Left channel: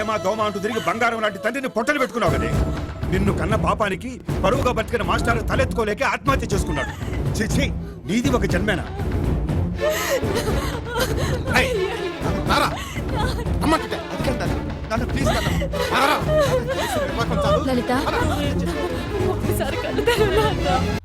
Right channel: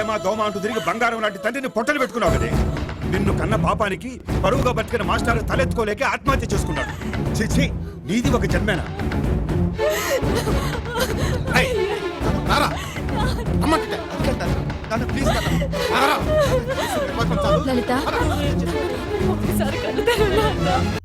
ప్రేమ దోమ అంటూ తిరిగి బంగారం లాంటి తండ్రిని పొట్టలు పెట్టుకున్నావు కదే. నిన్ను కన్న పాపానికి పరువుగా బతికిన మాస్టర్ తలెత్తుకోలేక ఆత్మహత్య చేసుకున్నాడు. చిచి, నీది ఒక జన్మేనా? లలిత, ఒకసారి కళ్ళు తెరవనా?